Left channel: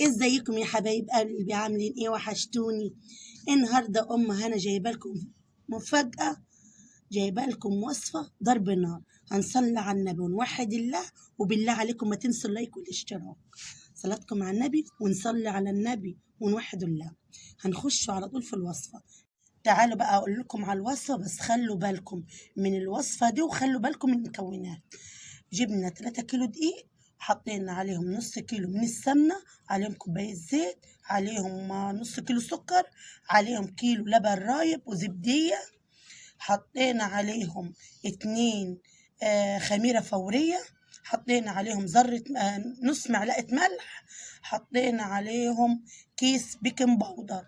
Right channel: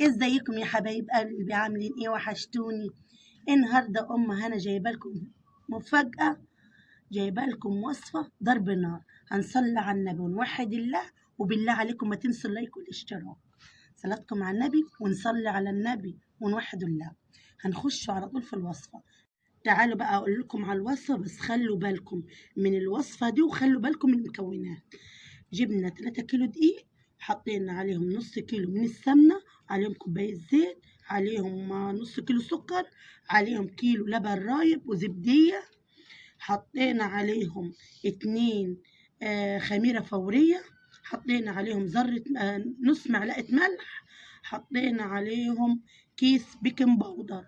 ازيكم يا حبايب قلبي؟ عاملين ايه؟ وحشتوني. النهارده هنا جايبه لكم مفاجأة، جايبه لكم وصفة ضرب نار. هنصلي على النبي ونوحد الله، وبالله عليكم ما تنسوا اللايك والاشتراك. صلاتكم على النبي ونصلي على النبي ونوحد الله. هنخش على طول في الوصفة. تعالوا بقى اقول لكم على الوصفة، بس خلوا بالكم من الوصفة دي وخلوا بالكم من المكونات. جبنا 3 كيلو دقيق، حطينا عليهم نص كيلو من السمنة، عليهم كوباية زيت، عليهم نص كيلو سكر، عليهم كيلو لبن رايب وزبدية، حطينا عليهم 2 خميرة فورية، حطينا عليهم ذرة نص معلقة ملح، حطينا عليهم كيس بيكنج باودر.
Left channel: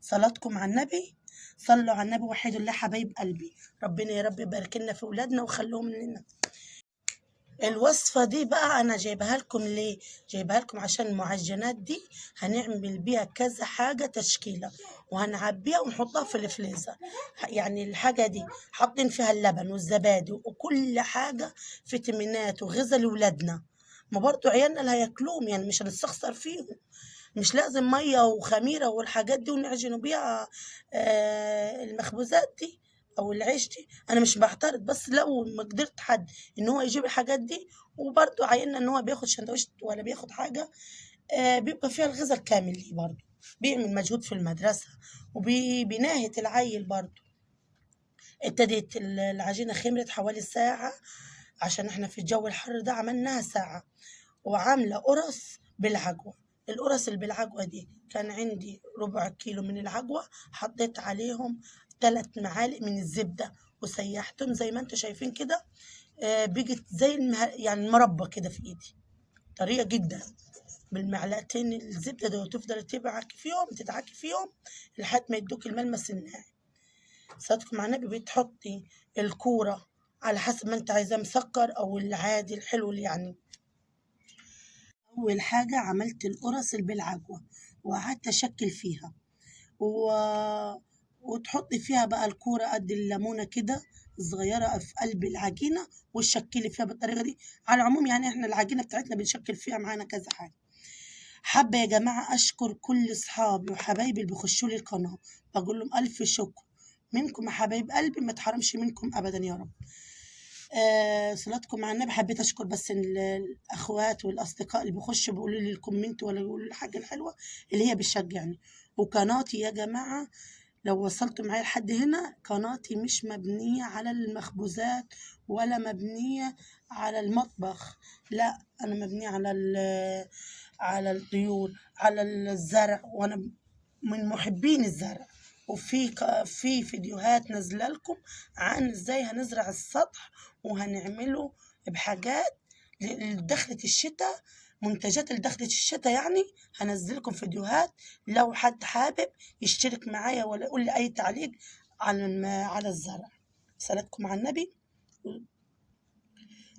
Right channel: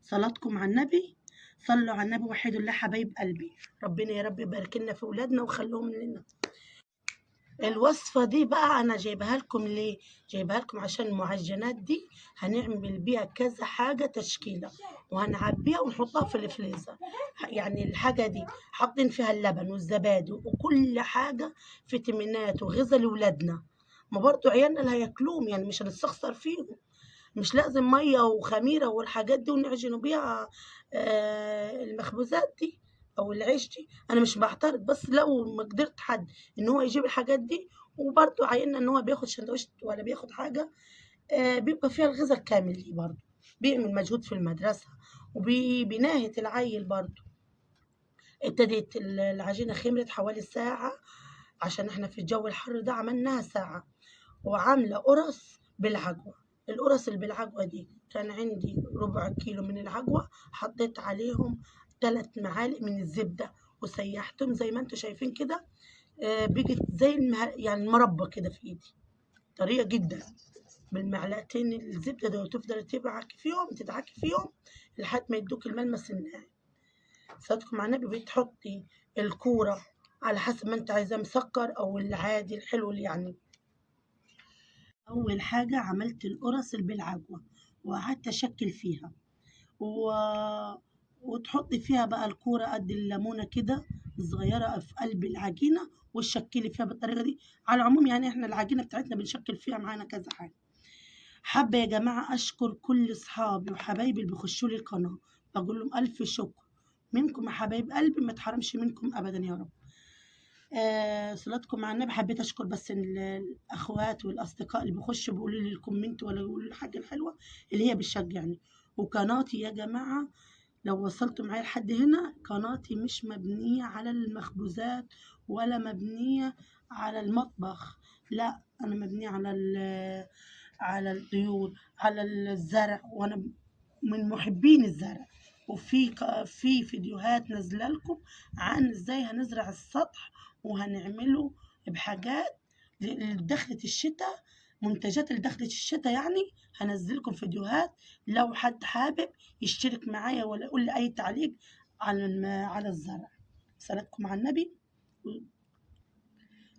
صلاتكم على النبي، صلوا على النبي وحيدوا الله حبايب قلبي. ربنا يا رب يبارك لنا في اولادنا وخلوهم لنا. الوصفة دي بقى أنا جايبها لكم ليه؟ جايبها لكم عشان المعجنات دي هنعمل بيها كذا حاجة تشكيلة، وهنعبيها ونحطها في الفريزر. يعني الحاجة دي حاطين فيها اللبن والزبادي وكل حاجة، فيتامينات وغذاء لولادنا. ما برضو عيالنا اللي هياكلوهم، يعني مش هنستخسر فيهم. مش لازم مية وخميرة والحاجات دي ونعجنوا بيها المخبوزات دي او العيش دي. انا مش بعترض، بس لو ما قدرت حد ان هو يجيب الحاجات دي، وبرضه عيلنا ان هو بياخد شندوتش ولا بياخد حاجة بيبقى فيها الغذاء الكامل ليه، برضه بيعمل مجهود في المدرسة وبناهة العيل برضه. ابتدت العجينة خمرت حوالي ساعة، عشان احنا في الجو الحر ده عملناها ساعة. وعاملة قرص بالعجوة. القرص اللي بالعجوة دي كان عندي ربع كيلو من العجوة، حطيت عليهم 3 معالق من الزبدة وسيحتهم زي ما انتم شايفين كده. بقت زي يعني المربى كده في ايدي، طريقة جدا. بالمعلقتين الزبدة دول تفضل تدعكي فيهم لحد ما يدوك الملمس الناعم. صدق مع النبي. بتحطي الكورة على حسب ما انت عايزاه، مسكر او العادي الحلو اللي يعني. أول حاجة عملت القرص اللي بالعجوة وقعدت أشكل فيها و... وتحطي فيها بقى الكورة قد الليمونة كده صغيرة في قلب العجينة، وتشكلي فيها بالطريقة دي. على العموم يعني احنا العجينة بتاعتنا بنشكل فيها معانا كذا حاجة. حابة يا جماعة أشكر كل أصحابي وحبايبي اللي بيخشوا لي القناة، بقول لهم ألف شكر. منكم يا حبايب قلبي، ما تحرمش منكم أبدا يا رب. صلاتكم مع النبي. حبيت اشكر بس الاخوات والاصدقاء اللي بيخشوا بيقولوا لي الكومنت ولا يقولوا لي الحاجه الحلوه اللي هي بتشجعني. وقناتي يا جماعه، لو وصلتوا معايا لحد هنا، قناتي مش مبنيه على المخبوزات ولا مبنيه على المطبخ، لا انا مبنيه على الطيور، على الزرع، وانا من محبين الزرع. في فيديوهات نازله لكم عن ازاي هنزرع السطح، وهنعمله بحاجات لدخلة الشتاء، منتجات لدخلة الشتاء يعني. هنزلكم فيديوهات، لو حد حابب يشترك معايا ولا يقول لي اي تعليق على الزرع. صلاتكم على النبي.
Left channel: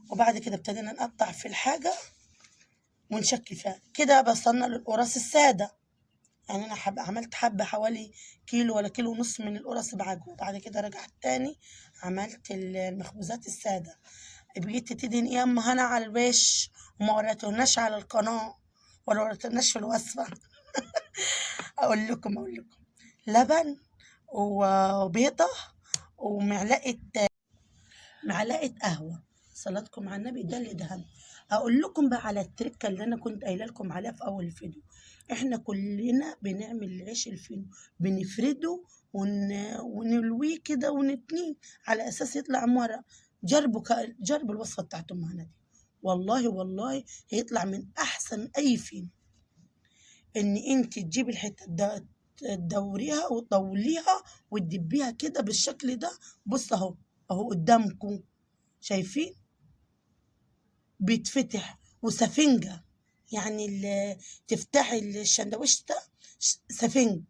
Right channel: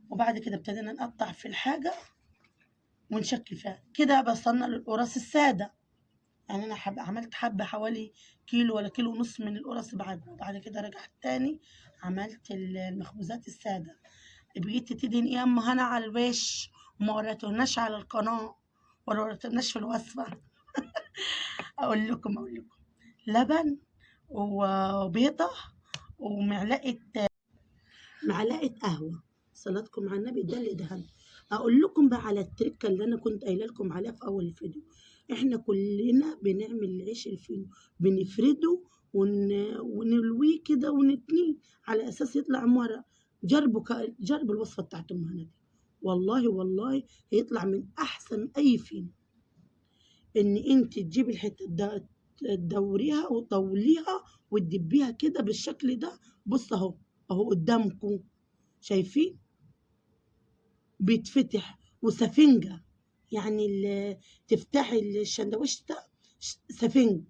وبعد كده ابتدينا نقطع في الحاجة ونشكل فيها كده. بصلنا للقراص السادة، يعني انا عملت حبة حوالي كيلو ولا كيلو ونص من القرص بعجوة. بعد كده رجعت تاني عملت المخبوزات السادة. بقيت تدين يا اما هنا على الوش، وما وريتوناش على القناة ولا وريتوناش في الوصفة. اقول لكم لبن وبيضة ومعلقة قهوة. صلاتكم على النبي، ده اللي دهن. اقول لكم بقى على التركه اللي انا كنت قايله لكم عليها في اول الفيديو. احنا كلنا بنعمل العيش الفينو، بنفرده ونلويه كده ونتنيه على اساس يطلع مرة. جربوا الوصفه بتاعت ام هنا دي، والله والله هيطلع من احسن اي فينو. ان انت تجيبي الحته تدوريها وتطوليها وتدبيها كده بالشكل ده. بص اهو، اهو قدامكم شايفين بيتفتح وسفنجة، يعني تفتحي الشندوتش ده سفنج.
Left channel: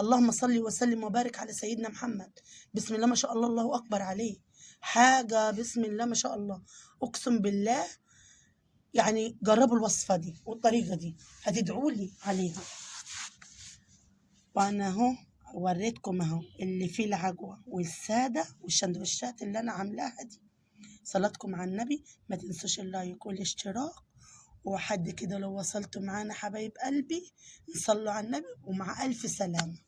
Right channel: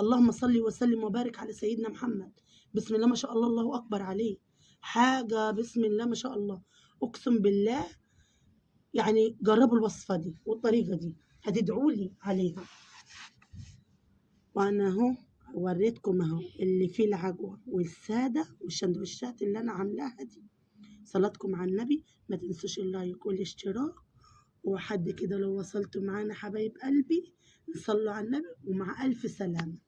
اللهم صل وسلم وبارك على سيدنا محمد. بسم الله ما شاء الله، الله أكبر عليه. حاجة بسم الله ما شاء الله. أقسم بالله يعني جربوا الوصفة دي والطريقة دي، هتدعوا لي عليها. وأنا أهو وريتكم أهو اللي فيه العجوة والسادة والشندوتشات اللي أنا عاملاها دي. صلاتكم على النبي. ما تنسوش اللايك والاشتراك، وحد كده لو وصلتوا معانا حبايب قلبي، نصلوا على النبي ومع ألف سلامة.